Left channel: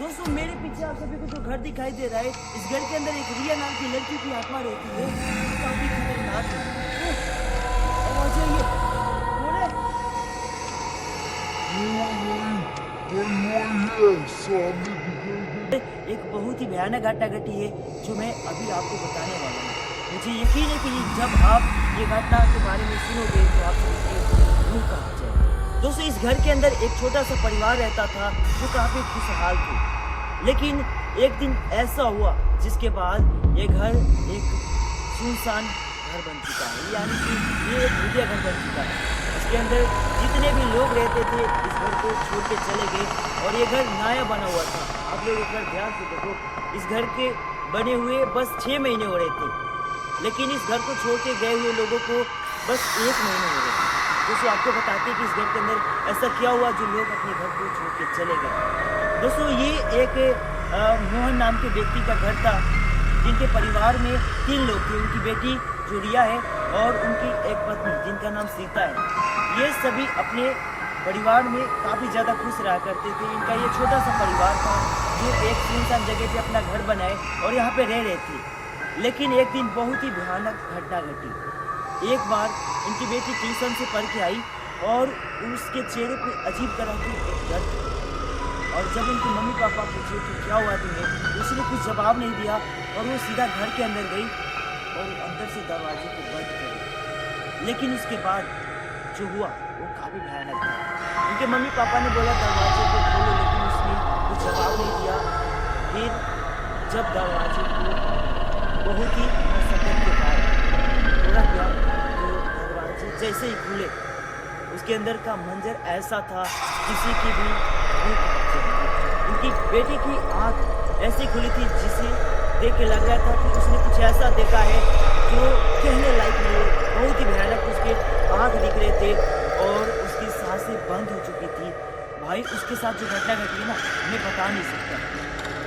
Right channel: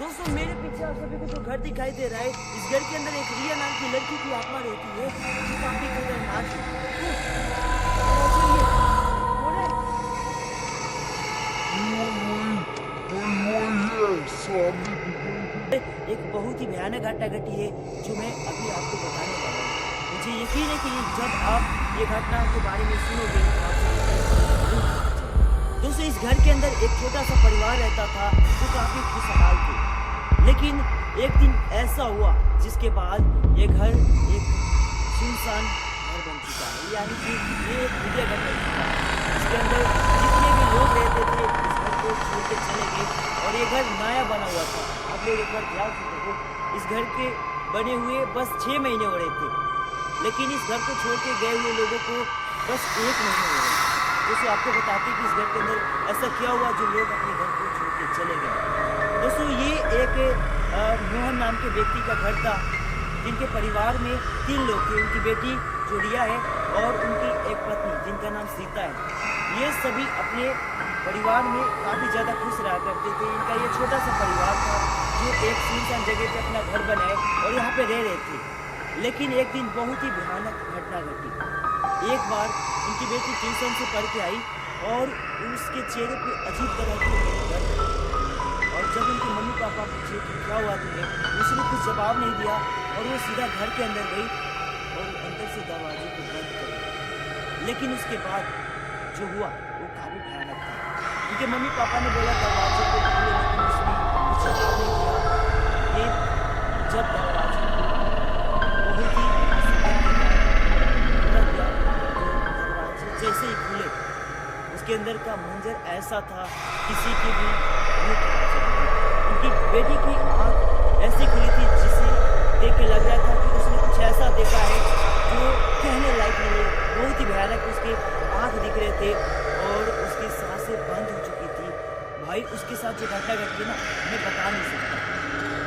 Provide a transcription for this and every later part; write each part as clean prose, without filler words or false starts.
दोस्तों मेरे पीछे आप सभी को जो घर दिखाई दे रहा है, इस घर के अंदर एक रिया नाम की लड़की की आत्मा रहती है जो काफी खतरनाक है। और जो ये कौन है? एक बहुत ही भयानक घटना घटी है जो मैं अभी आपको बताने वाला हूँ। मुझे यकीन है कि जब आप ये घटना के बारे में सुनोगे तो आप जरूर कहा जाएगा। दोस्तों इस घर के अंदर एक छोटा सा परिवार रहता था जो काफी खुशहाल थे, लेकिन एक दिन ऐसा हुआ जिसके बाद ये घर एक सुनसान घर बन चुका है, यानी कि ये एक घटिया घर बन चुका है। इसके अंदर जितने भी लोग रहते थे इस घर को छोड़ के चले गए और ये घर नया बना हुआ था। आप लोग एक बार ध्यान से देखो, इस घर के बने हुए बस 6 महीने हो रहे थे, लेकिन इस घर को छोड़ के गए हुए लोगों को बस 1 महीने हो रहे थे। दोस्तों आपको बताते हैं कि इस घर के अंदर ऐसा क्या हुआ जो लोग अपने घर को छोड़ के चले गए। दोस्तों ये एक मोहन नाम के व्यक्ति का घर था जिनके परिवार में 3 लोग थे। उनकी बेटी जो रिया है और उनकी एक पत्नी जिनका नाम सीता है। ये सभी अपने परिवार में काफ़ी ज़्यादा खुश रहा करते थे। इनका ये छोटा सा परिवार था जो एक सुनसान जगह पे अपना घर बनाए और यहाँ पे रह रहे थे। लेकिन एक दिन बहुत ही भयानक घटना घटी। एक बार उनकी बेटी ट्यूशन से पढ़ के आई और उसके चेहरे पे अजीब तरह की दर्द, और जब उनके मम्मी पापा पूछे कि क्या हुआ तुम्हें, उसने कुछ जवाब नहीं दिया और वो सीधा घर के अंदर गई और अंदर से दरवाजे को बंद कर दिया। लेकिन उसके बाद जो हुआ वो काफ़ी भयानक था। उनके मम्मी पापा ने बोला दरवाजे को खोलो, लेकिन उसने कुछ जवाब नहीं दिया। फिर जब दरवाजे को बहुत ही मशक्कत के बाद खोला गया तो दरवाजे जैसे ही खुले उसके अंदर का मंजर ऐसा था किसी की भी उनकी बेटी की आंख ऐसी खुली थी जिसे देख के लग रहा था कि उसने कुछ ऐसा देखा है जो कहने लायक नहीं है। बहुत ही भयानक उसके आंख दिख रहे थे और उसकी सांसें बंद हो चुकी थी। भाई उसके साथ जो घटना घटी है ना, मैं बता नहीं सकता,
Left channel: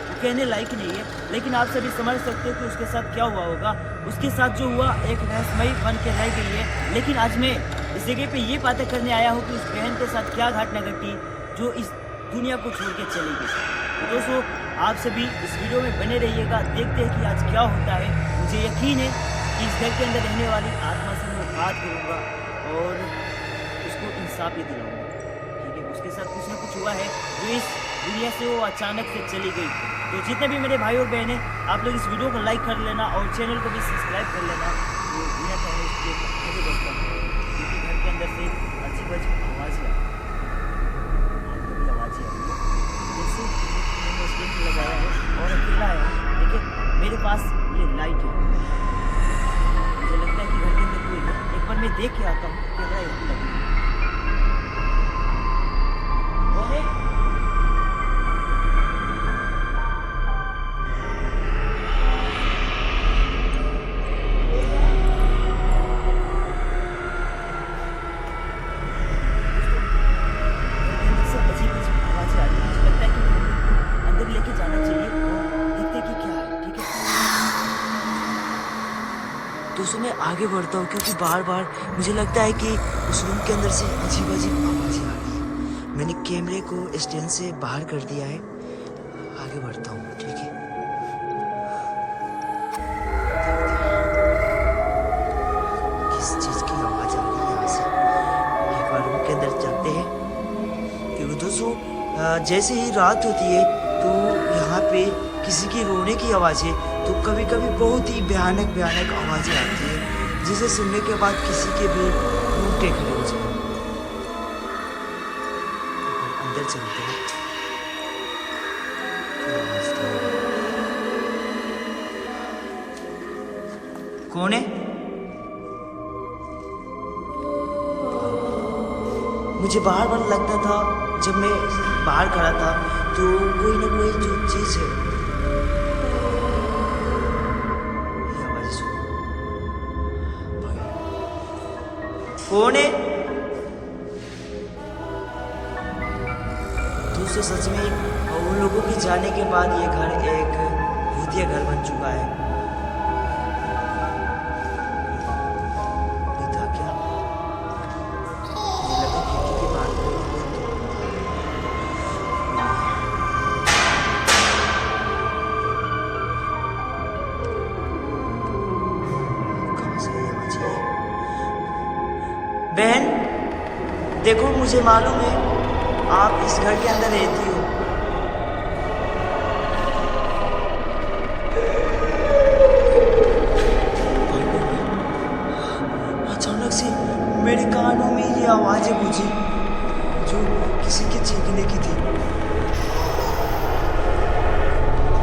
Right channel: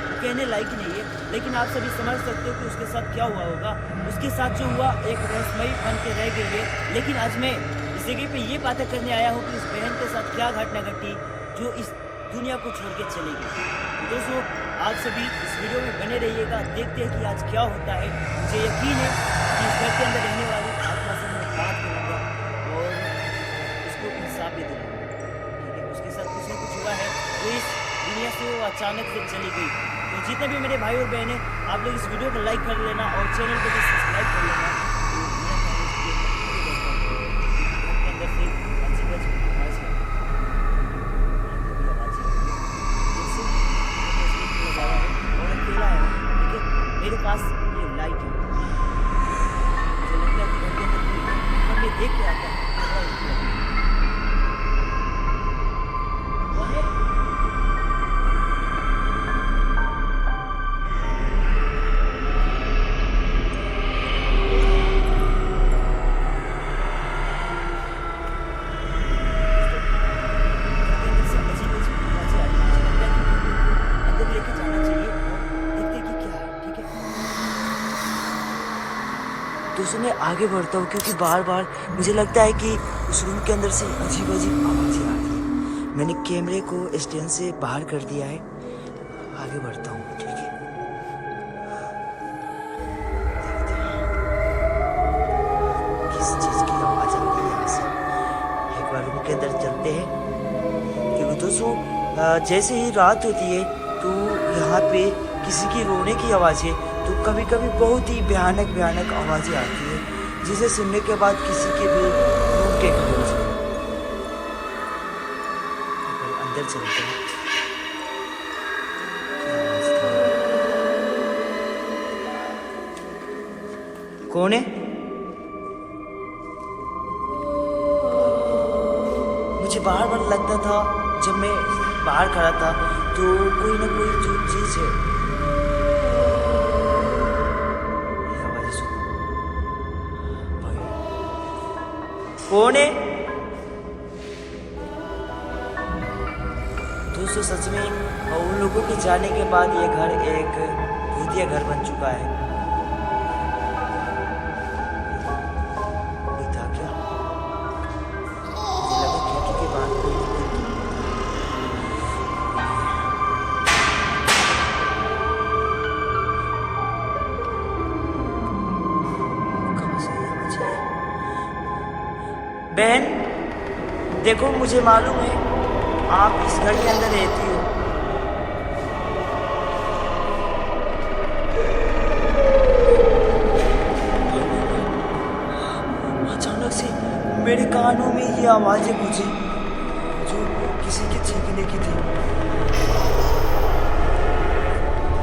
वो कहने लायक नहीं है, लेकिन आप सभी समझ सकते हो कि उसके साथ क्या हुआ होगा। उसके साथ जो हुआ एक रहस्यमयी बन के रह गई है। लेकिन आज मैं इस जगह पे ये बातें करने आया हूँ कि इस बहन के साथ क्या घटना घटी जो इस दुनिया को छोड़ के चली गई। तो दोस्तों आप सभी इस वीडियो में बने रहिएगा, देखते हैं कि आज क्या होता है। मुझे यकीन है कि इस घर के अंदर रहने वाली आत्मा से मैं बात करूँगा और उसको इंसाफ भी दिलाऊंगा। ठीक है, उसके साथ कुछ ना कुछ हुआ है जो इस दुनिया से वो अचानक से चली गई। तो जितने भी मेरे भाई और बहनें, आप लोग इस वीडियो को लाइक कर लेना और चैनल को भी सब्सक्राइब कर लेना। तो मेरा चैनल क्योंकि घर के अंदर से अजीब अजीब आवाज़ है, कभी आवाज़ आ रही है जैसे मैंने स्क्रीन लगाया है और अकेला है। ठीक है, मेरे पास ये लाइट है, मुझे लगता है कि घर के अंदर कोई है। एक बार मैं देख के आता हूँ कि वह एक लगी दोस्तों। मैं आगे बढ़ता हूँ क्योंकि बार बार मुझे लगता है कि उस रूम के अंदर से अजीब अजीब आवाज़ें आ रही है। मैंने कैमरे को स्टैंड से बाहर कर दिया है, आगे बढ़ता हूँ। ठीक है, किस चीज़ की आवाज़ आ रही है यहाँ से। एक बार रूम के अंदर चलते हैं क्योंकि दोस्तों जैसे ही रात होती है तो यहाँ पे किसी की रोने की आवाज़ है, तो कभी कभी बहुत ही भयानक भयानक आवाज़ें आती है जिसे सुनने के बाद किसी के भी रोंगटे खड़े हो जाए। अंदर चलते हैं, क्या आवाज़ था? कौन है? मुझे बार बार लगता था जब मैं बाहर खड़ा था तो कोई ना कोई जो चीज़ है। कौन है? दोस्तों सच में उन लोगों के जाने के बाद ये घर एक भूतिया घर बन चुका है। कोई था क्या? मुझे लगा खिड़की के बाहर कोई ना कोई बहन, देखो मुझे मालूम है आप इस घर के अंदर रहती हो। अचानक से मेरे कानों में ये आवाजें गूंजी जो किसी के चीखने की थी।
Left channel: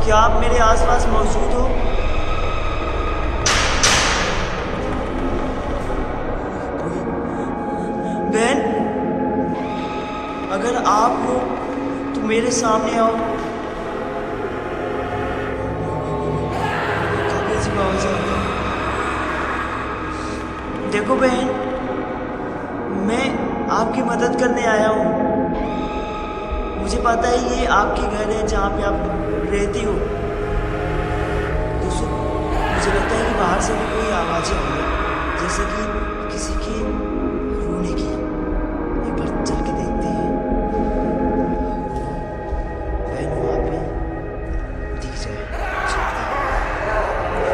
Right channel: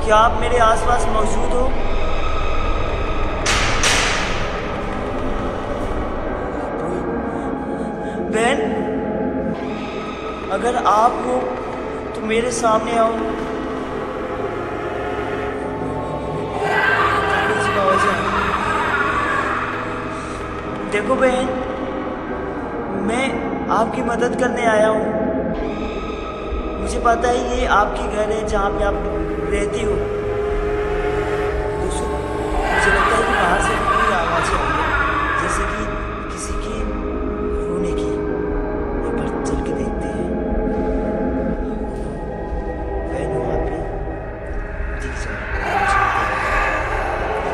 क्या आप मेरे आसपास मौजूद हो? बहन, अगर आप हो तो मेरे सामने आओ। देखो बहन, मैं आपकी मदद करने आया हूँ। मुझे पता है ये आपकी घर है जहाँ पे आप रहती हो। दोस्तों, मुझे लगता है कि बाहर से भी कोई आवाज़ें आ रही है, जैसे कि किसी की रोने की। एक बार चल के देखते हैं। बहन वहाँ पे दिख जाए, चलते हैं।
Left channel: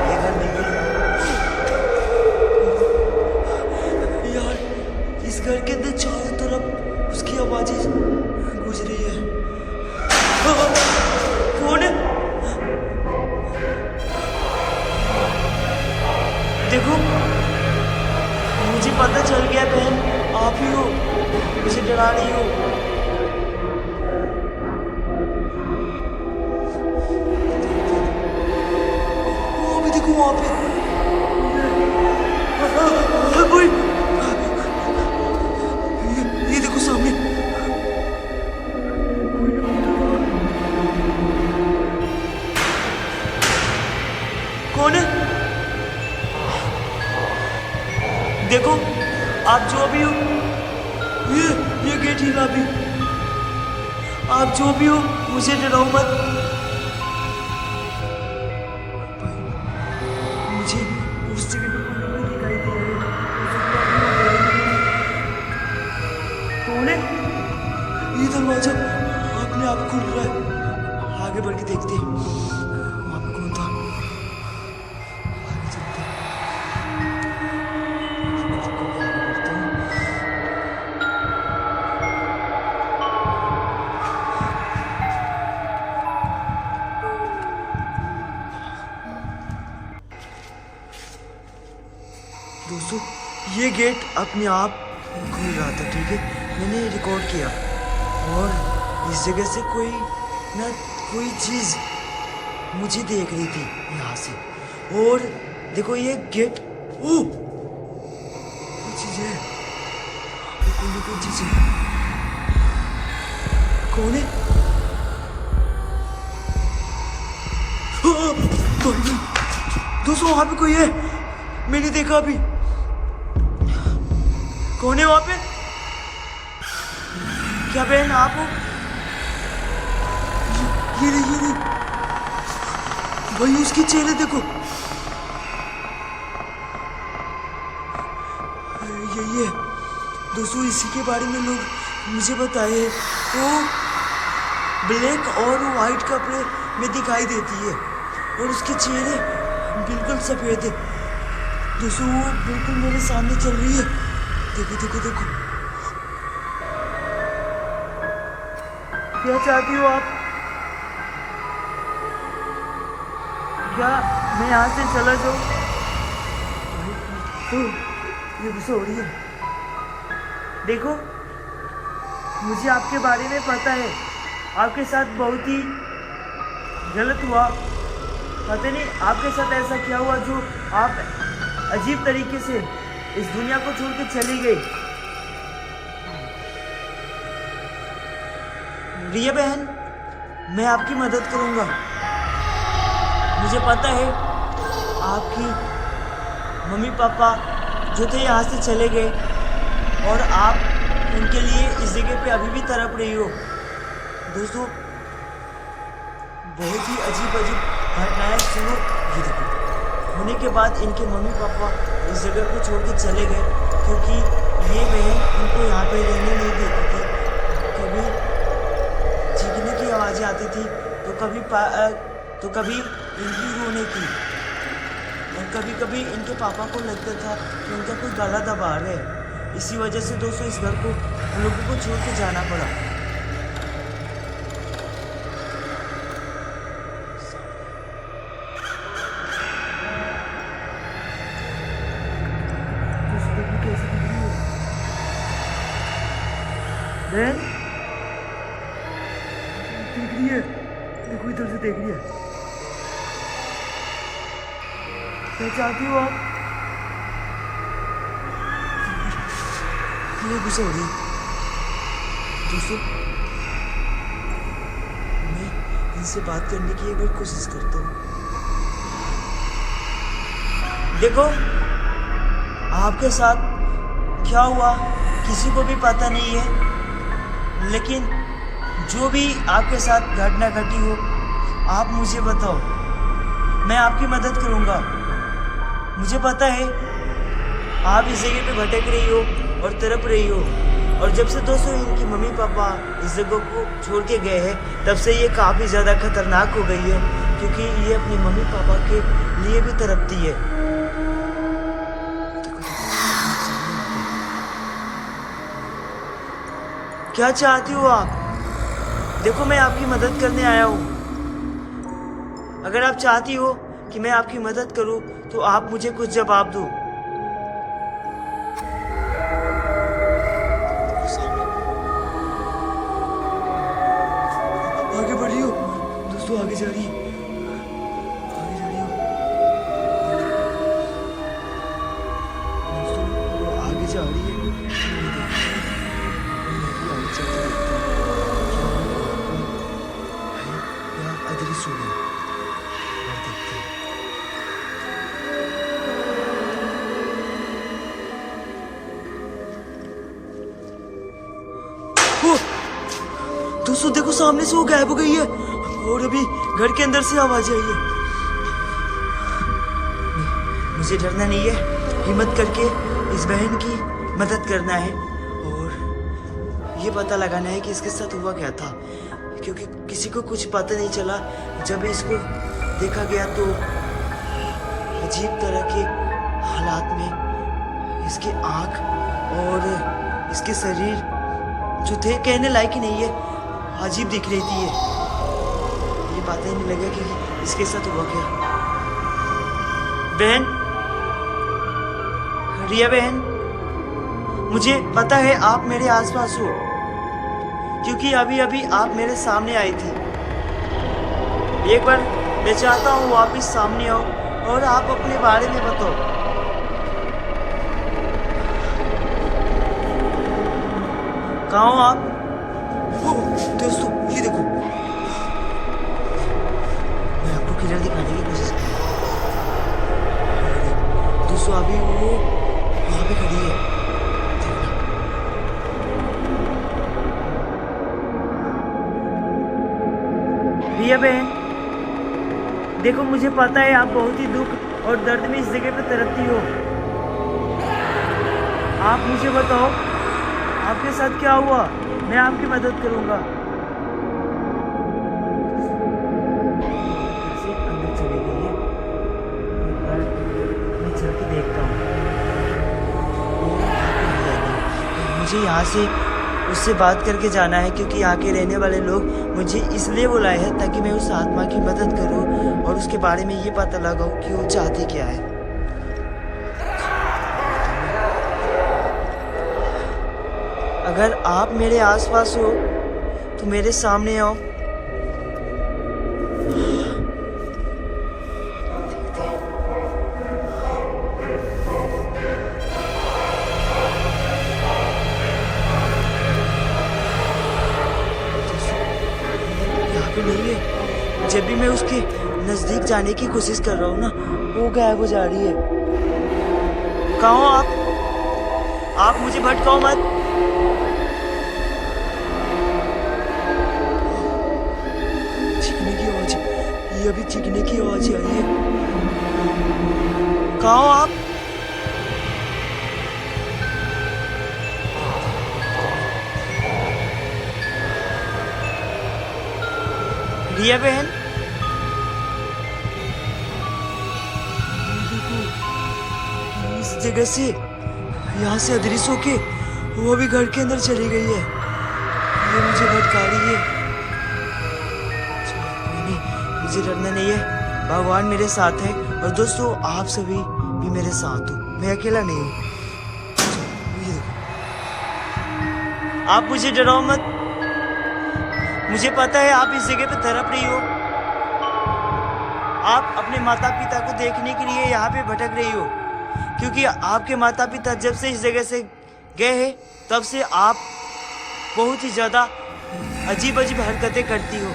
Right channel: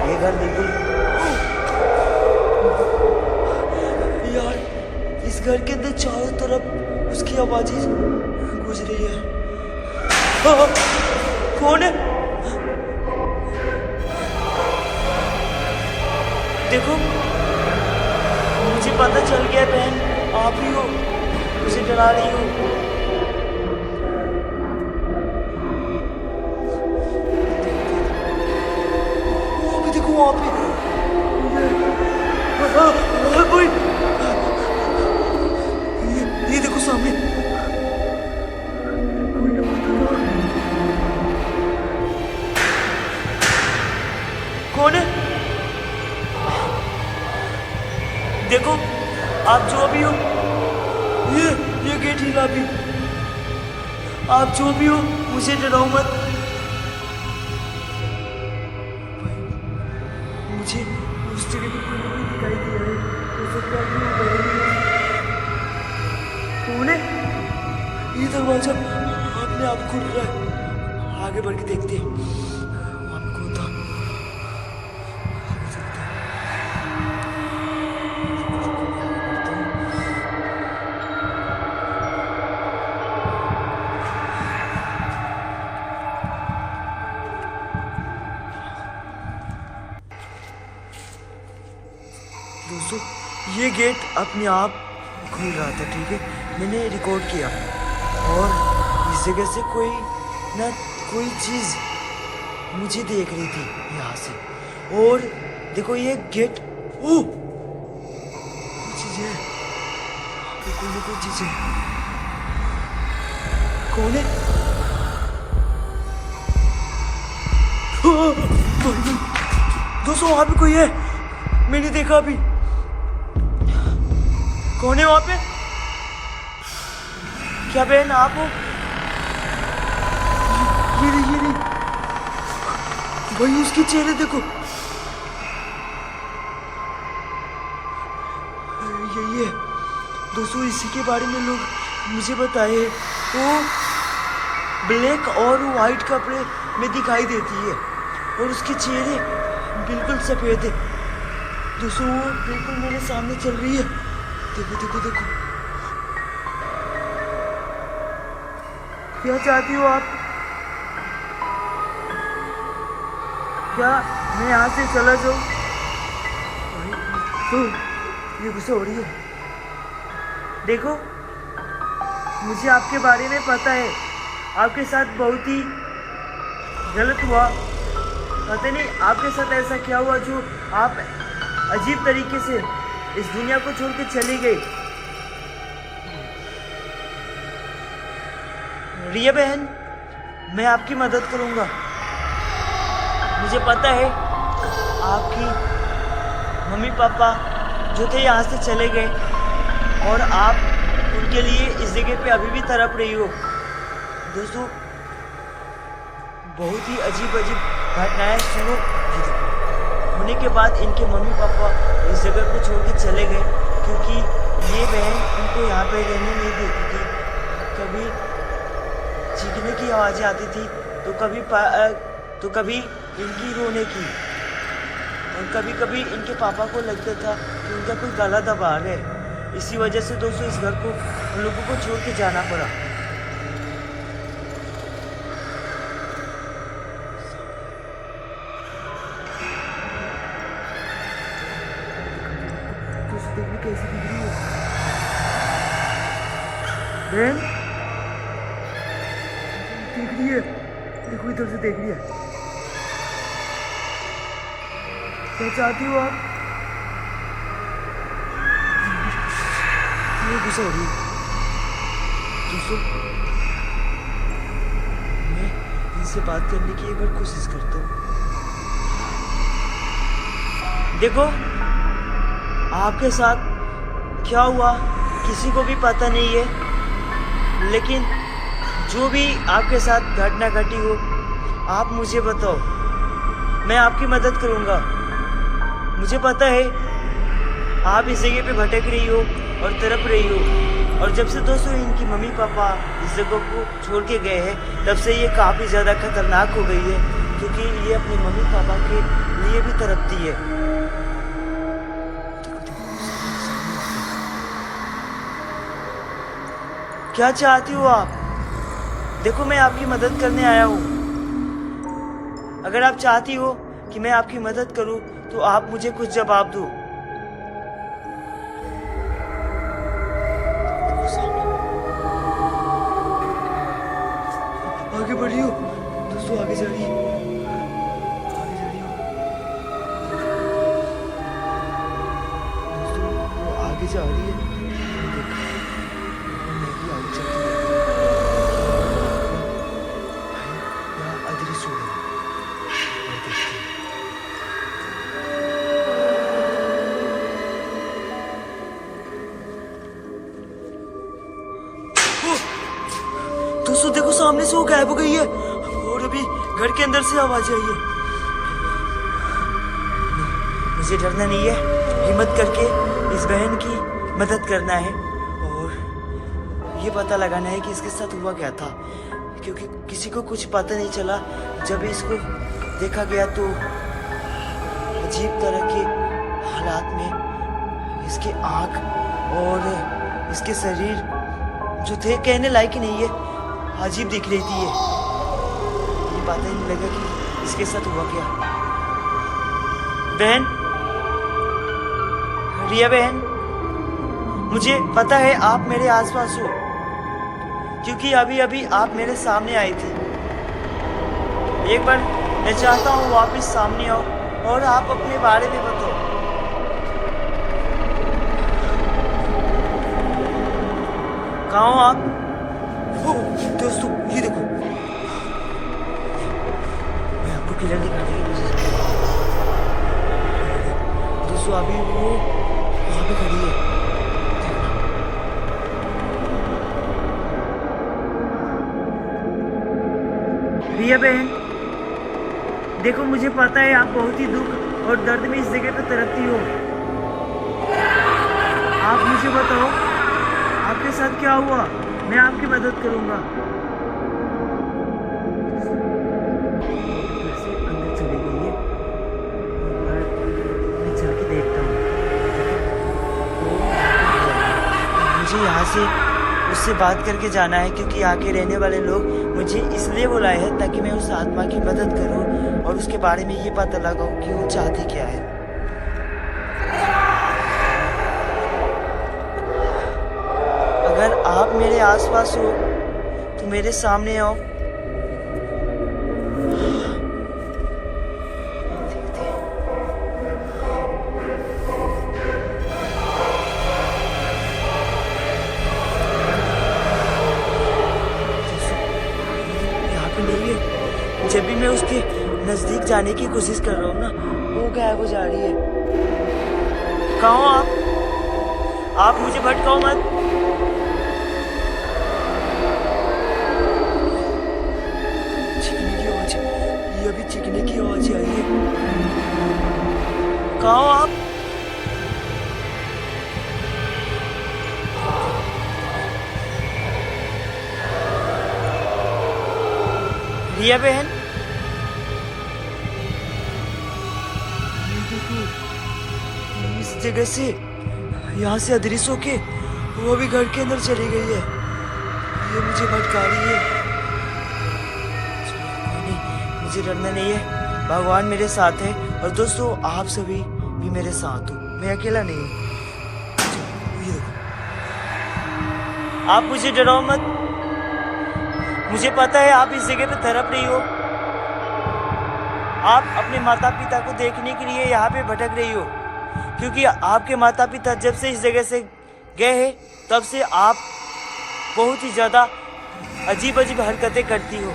ये घर देखिए यार, इस घर के अंदर चारों तरफ उसकी आवाज़ें गूंज रही है। कौन है? देखो, मुझे पता चल गया बहन, आप ही हो, मुझे डरा रही हो। वो भी देखो वहां पे कोई, ये देखो सामने कौन है? देखो, आप जो भी हो, ये गेट हिला भी। आप जो भी हो, मुझे डराओ मत। भाई, मुझे उस जगह पे कोई नहीं दिखाई दिया है। मुझे क्या कौन है? ये दरवाजा अपने आप खुल रहा है। आगे बढ़ के देखते हैं वहां पे कौन था। आगे चलते हैं। दोस्तों, ये गेट अपने आप खुल रहा था, ठीक है। मैंने रिकॉर्ड किया और इस जगह से कोई ना कोई चीज़ मुझे देख रही थी यहाँ से। और देखो ये गेट, ओ कोई चीज़ है, कोई ना कोई चीज़ है। कौन है? दोस्तों, वहाँ पे कोई है, मैंने देखा अभी। कौन है वहां पे? क्या बहन आप हो? ये भाई, उसके चेहरे देखो। ये दोस्तों, इसी के बारे में लोग मुझे बताए। वो ब्लैक और वाइट कपड़े में दिखाई देती है और उसके चेहरे बिल्कुल सफेद है। दोस्तों, वो बिल्कुल मेरे सामने चल रही है। देखो देखो देखो, क्या चाहती हो आप? क्या मैं यहाँ से चला जाऊँ? तो ये गुस्सा हो रही है। देखो, मुझे आपके बारे में पता है, आपके साथ बहुत ही गलत हुआ। पता नहीं आपके साथ ऐसा क्या हुआ जो आप अजीब तरीके से इस दुनिया को छोड़ के चली गई। रिया बहन, मैं आपकी मदद करूंगा। मुझे पता है आपकी मम्मी पापा जो थे यहाँ से चले गए और आप उनके लिए इस जगह पे अभी भी तड़प रही हो। दोस्तों, बहुत ही अजीब घटनाएं सुनो। ये देखो, होने के बाद इनके मम्मी पापा इस जगह को छोड़ के चले गए क्योंकि ये बहन इनको यहाँ पे रहने नहीं देती थी। कभी चीखने की आवाज़ें आती थी तो कभी इनकी रोने की, और कभी कभी इनके पापा को लगता था कि उनका कोई गला दबा रहा है, इसी वजह से दोस्तों इस घर को हम लोगों को छोड़ के जाना पड़ा। दोस्तों देखो कैसी दिख रही है बहन, देख रही है, देखो इधर से देख रही है। क्या चाहती हो आप? ये गुस्सा हो रही है दोस्तों। मैं इनसे बात करने की एक बार कोशिश करता हूँ। देखो आपके साथ क्या हुआ किसी को भी पता नहीं है, लेकिन जो भी आपके साथ घटना घटी हो आप मुझे बताओ, मैं आपकी मदद करूँगा। मुझे पता है आप इस जगह पे भटक रही हो और तड़प रही हो, और जब से दोस्तों इनकी मम्मी पापा इस जगह को छोड़ के गए हैं तब से ये काफ़ी ज़्यादा खतरनाक हो गई है, क्योंकि ये अपनी मम्मी पापा के लिए भी तड़पती है। क्या चाहती हो आप? देखो मैं आपकी मदद करने आया हूँ। अगर आप चाहती हो कि मैं आपकी मदद करूँ तो आप मुझे कुछ जवाब दो। आगे बढ़ रही हो दोस्तों, आगे जा रही है, आगे जा रही हो दोस्तों, वो आगे जा रही है। मैं भी आगे चल के देखता हूँ या अदृश्य हो गई और देखते हैं। दोस्तों देखो सामने से वो गायब हो गई है और अभी घर के अंदर से आवाज आई है। मुझे डरना नहीं है, हिम्मत करके इस बहन की मदद करना है और ये पता लगाना है कि इसके साथ हुआ क्या था, क्योंकि किसी को कुछ पता नहीं चला। जब इसको देखा गया तो अजीब तरह के हालात में इसकी आँख और इसके शरीर जो थे कहने लायक ही नहीं है, अजीब दिख रही थी। ये पता ही नहीं लगा कि इसके साथ हुआ क्या। बहन, रिया बहन, मुझे पता है आप मेरे आसपास हो, क्योंकि अभी अभी आप मेरे सामने आई थी। एक बार मैं चाहता हूँ वापस सामने आओ और आप अपने बारे में बताओ। कहाँ हो आप? दोस्तों ये देखो, मैं आपको किलर दिखाने की कोशिश कर रहा हूँ दोस्तों। अभी वो वहां पे खड़ी है, देखना। रिया बहन देखो, मुझे पता है आप बहुत ही दुख और दर्द में इस जगह पे तड़पती हो। आप मुझे बताओ आपके साथ क्या हुआ, मैं आपकी मदद करूंगा। घर से अंदर चली गई है, एक बार मैं चल के देखता हूँ। मुझे यहाँ से उससे बात करके जाना है, क्योंकि यहाँ के रहने वाले लोग मुझे इसलिए बुलाए हैं ताकि मैं उस आत्मा की मदद करूँ और उसके बारे में ये पता लगाऊँ कि वो चाहती क्या है। अगर आप मेरे आसपास हो तो मेरे सामने आओ। यहाँ पे नहीं है। जब भी मैं उसके नजदीक जाने की कोशिश कर रहा हूँ ना, वो गायब हो जा रही है। कहाँ हो आप मुझे भटकाओ मत। ये अभी चीखने की आवाज आई है। कहाँ हो आप? रिया बहन, देखो इस जगह से यहाँ से अदृश्य होके वो भी घर के अंदर चली गई है। ये मुझे भटका रही है। नहीं, मुझे डरना नहीं है, भगवान मेरे साथ है। और दोस्तों आप सभी भी मेरे साथ हो, मैं अकेला नहीं हूँ। ये देखो, आप मुझे डराओ मत। मुझे पता है आप इस जगह पे तड़प रही हो। आप अपने माता पिता को देखने के लिए यहाँ पे भटक रही हो, क्योंकि आपके माता पिता जब से इस जगह से गए हैं तब से आप बहुत ही ज़्यादा अजीब अजीब हरकतें करती हो।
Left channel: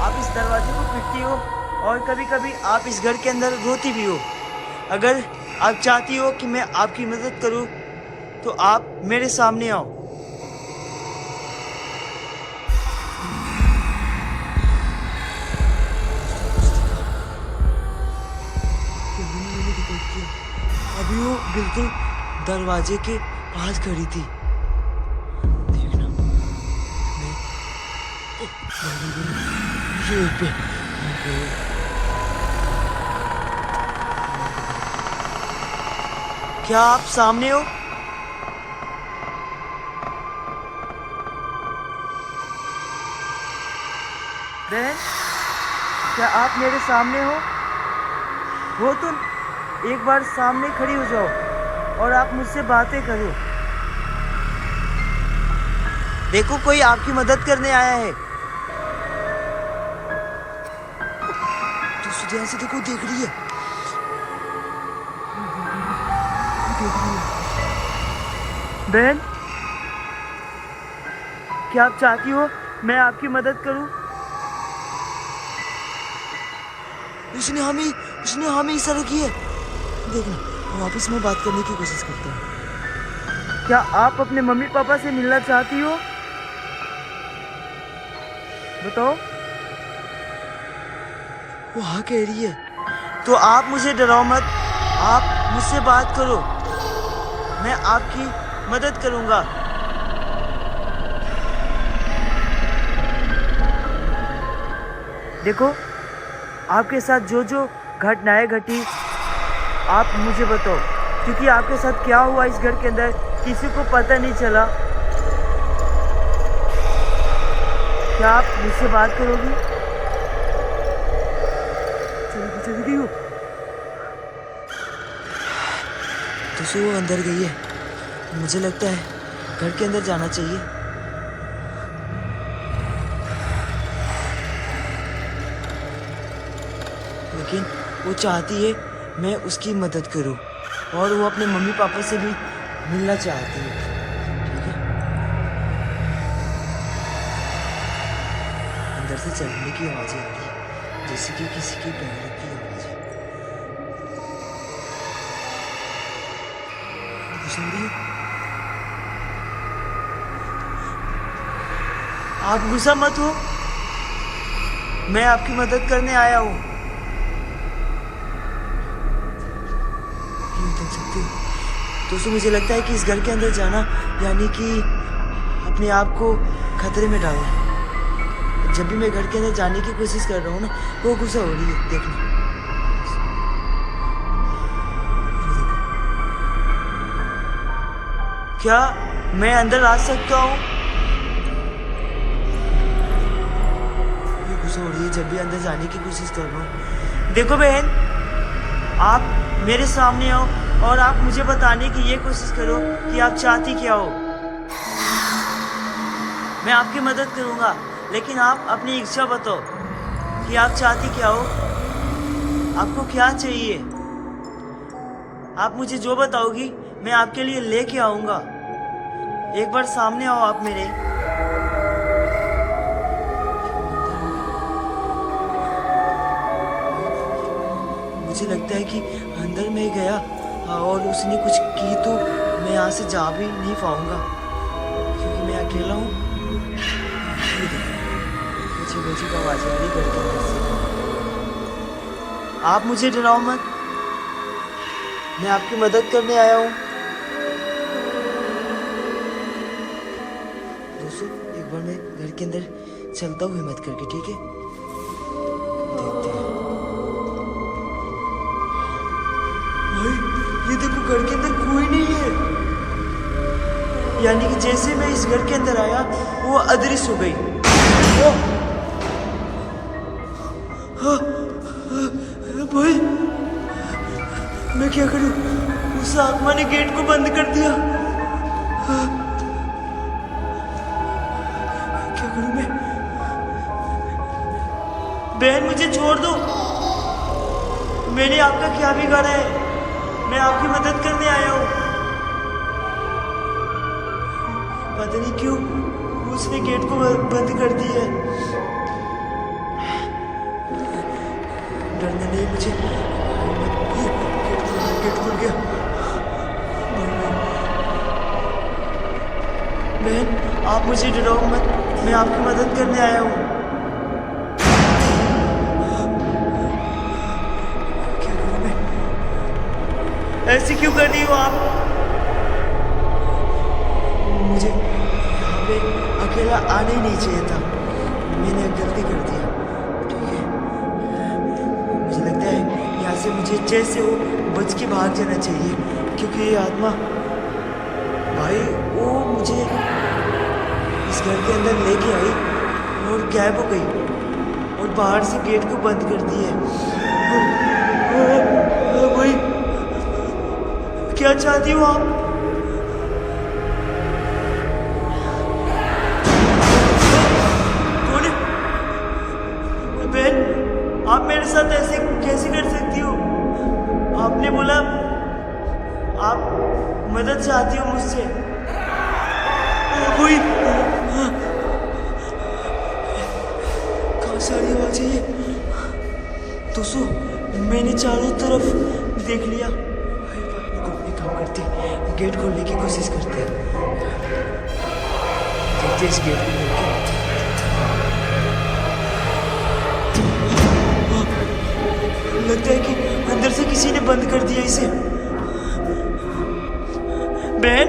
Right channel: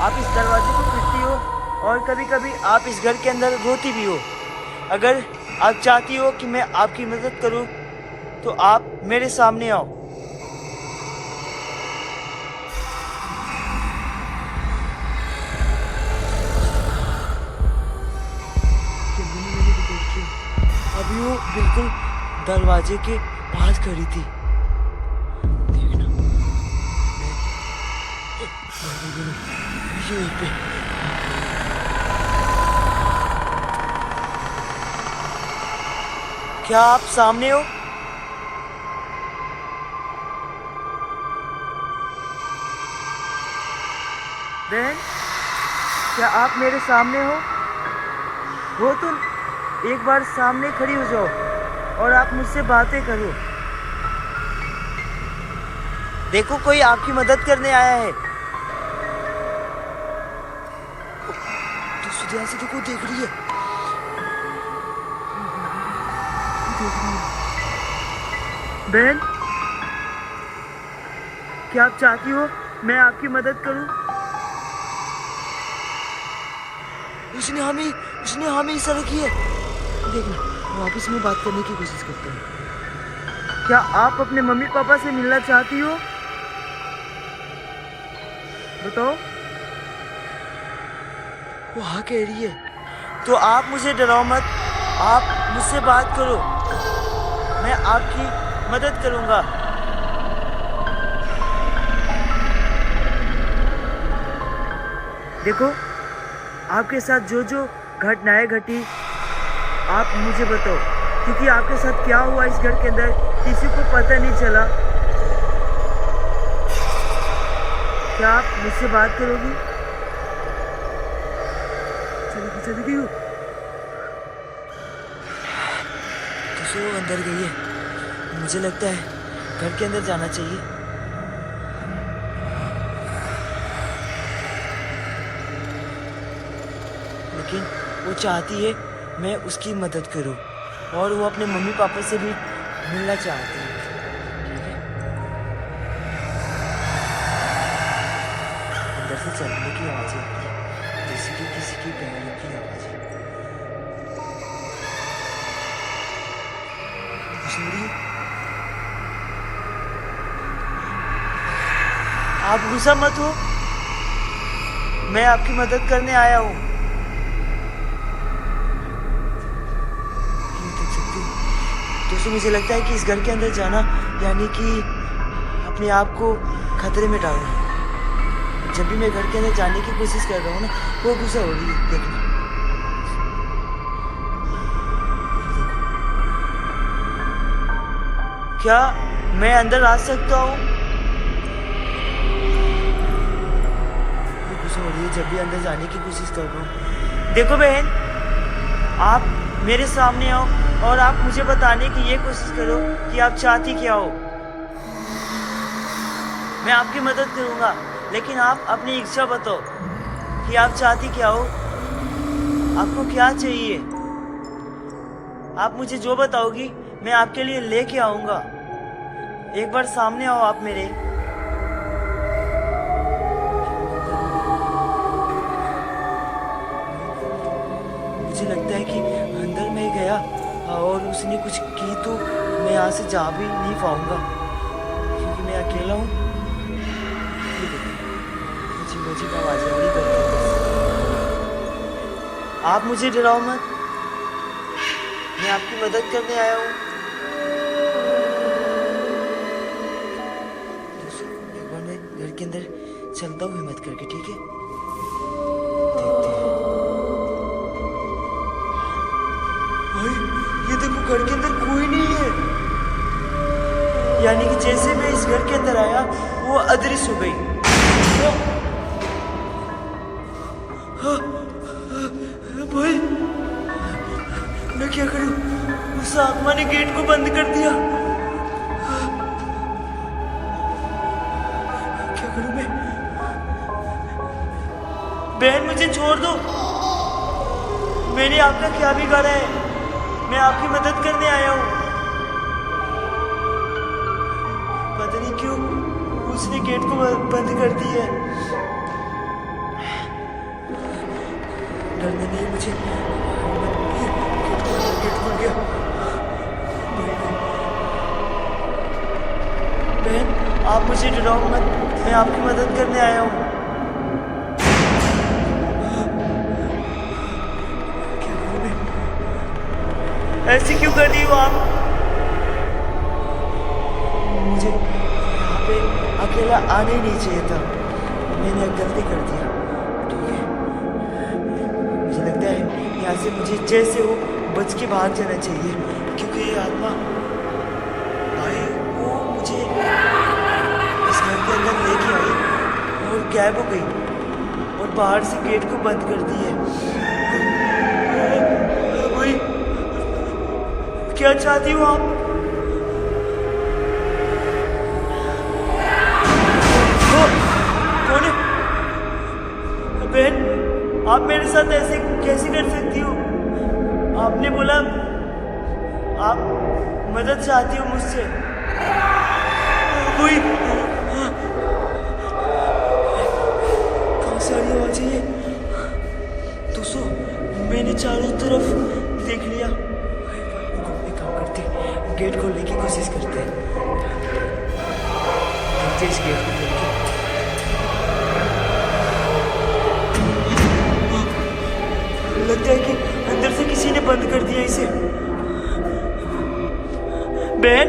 आप इस दरवाजे को पीटती हो और कभी कभी आप इस घर के अंदर रोती भी हो। अगर आप चाहती हो कि मैं आपकी मदद करूं तो आप मेरे सामने आओ। अभी वो बिल्कुल दरवाजे के पास खड़ी थी। देखना, मैं पे क्या आप सामने हो? बहन, क्या आप मेरे सामने हो तो एक बार सामने खड़ी हो जाओ और आप मुझसे बातें करो। देखो, कोई आपकी मदद करने आया है। तो ध्यान से देखो, देख रही है। बहन, क्या आप चाहती हो मैं आपकी मदद करूं? इसने हमें इशारा की है। देखना, वापस में बात करने की कोशिश करता हूँ। क्या आप अपने मम्मी पापा से मिलना चाहती हो? बताओ। वो हाँ कह रही है। तो आप मुझे डराओ मत, आप मुझसे बात करो, मैं आपकी मदद करूंगा। देखो, आपके साथ जो जो घटनाएं घटी आप मुझे बताओ, क्योंकि आपके साथ क्या हुआ इस घर के अंदर किसी को पता नहीं चला। क्या आप मुझसे बात करोगी? चली गई हो तो वो अंदर गई है। मुझे लगता है घर के अंदर जाना चाहिए। लेकिन वो चाहती है मैं उसकी मदद करूं और वो अपने मम्मी पापा से भी मिलना चाहती है। ठीक है, अंदर से चलने की आवाज़ आती है, जैसे कि किसी की बहन की आवाज़। आप गुस्सा मत हो, मैं आपकी मदद करने आया हूँ। देख सकते हो दोस्तों, मुझे लगता है कि इस घर के अंदर जाना यानी कि अपने आप को खतरे में डालना। जब भी मैं घर के अंदर जाने की कोशिश कर रहा हूँ ना, वो गुस्सा हो रही है। देखना, क्या मैं अंदर आ सकता हूँ? गुस्सा हो रही है जब भी अंदर जाने की कोशिश कर रहा हूँ। देखो बहन, आप मेरे सामने आओ और आप मुझे बताने की ये कोशिश करो कि आप चाहती क्या हो। मैं आपकी मदद करूंगा, लेकिन आप अपनी इच्छा बताओ कि आप चाहती क्या हो, आपको क्या चाहिए। आप मुझे जो बताओगी मैं आपके लिए लेके आऊंगा। एक बार सामने आओ आप मेरे। मुझे लगता है कि अंदर में गया और उसने कुछ की तो मैं यहाँ से जा भी नहीं पाऊंगा, क्योंकि मैं अकेला हूँ। मुझे का आवाज़ आ रही घर के अंदर से। आप मुझे डराओ मत, मैं आपकी मदद करने आया हूँ। दोस्तों, एक बार मैं घर के अंदर चलता हूँ हिम्मत करके, ठीक है? देखते हैं। भाई, ये ये देखो घर के अंदर कोई नहीं है, यानी कि जैसे मैं इस घर के अंदर आया वो अदृश्य हो गई। हाँ, भाई मैं क्या करूं? उस आत्मा ने गेट को बंद कर दिया। हाँ, क्या करूं मैं? बहन मुझे छोड़ दो, मैंने आपका क्या बिगाड़ा है? मैं आपकी मदद करने आया हूँ। पता नहीं क्यों उसने गेट को बंद कर दी है। डरने नहीं मुझे, गेट खुल गया। बहन आप मुझे डराओ मत, मैं आपकी मदद करने आया हूँ। क्या करूं मैं? ऐसे क्यों कर रही हो आप? मुझे यहाँ पे अकेला आने ही नहीं चाहिए था, मैंने एक गलती कर दिया। ठीक है, मुझे लगता है यहाँ से मुझे जैसे हो बच के भाग जाना चाहिए, क्योंकि ये आत्मा भाई वो मुझे इस घर के अंदर लेके आई और गायब हो गई और बाहर से गेट को बंद कर दी है। भाई क्या चाहती हो आप? कौन है? बहन आप मेरे साथ ऐसे कैसे कर सकती हो? आपने बोला आप मदद चाहती हो मुझसे। कोई कहाँ से आ रही आवाज है ये? दोस्तों मैंने चारों तरफ देख लिया। एक काम करते, गेट खोलने की कोशिश करते हैं। देखते इस गेट को खोल के। लगता है कि अंदर से किसी ने बंद कर दिया इसे। बहन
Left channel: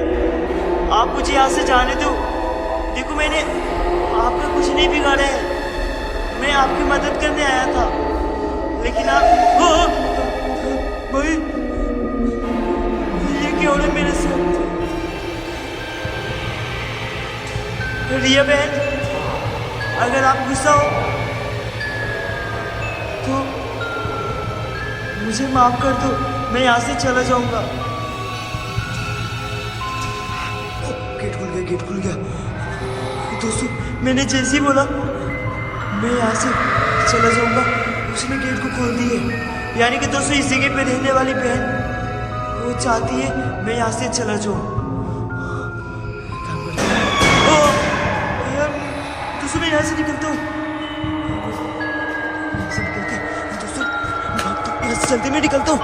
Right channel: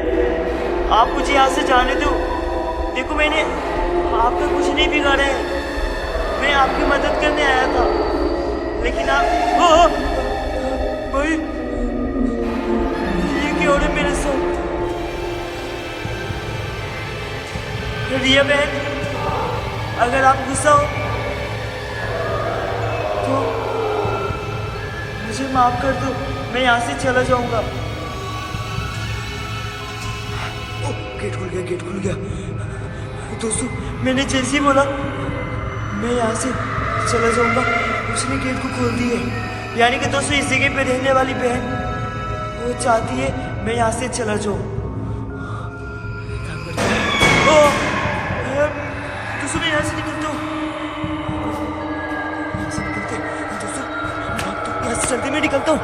आप मुझे यहाँ से जाने दो। देखो मैंने आपका कुछ नहीं बिगाड़ा है, मैं आपकी मदद करने आया था, लेकिन आप भाई ये क्या हो रहा है मेरे साथ? रिया बहन अगर आप गुस्सा हो तो मुझे माफ कर दो, मैं यहाँ से चला जाऊंगा। गेट खुल गया, गेट खुल गया। दोस्तों मैंने जैसे ही बोला मैं यहाँ से चला जाऊंगा, उसने गेट को खोल दिए। यानी कि दोस्तों इस जगह पे रहने वाली बहन वो चाहती है मैं यहाँ से चला जाऊँ। दोस्तों मैं यहाँ से निकलता हूँ, यहाँ से निकलते दोस्तों, यहाँ से जल्दी मैं निकलता हूँ।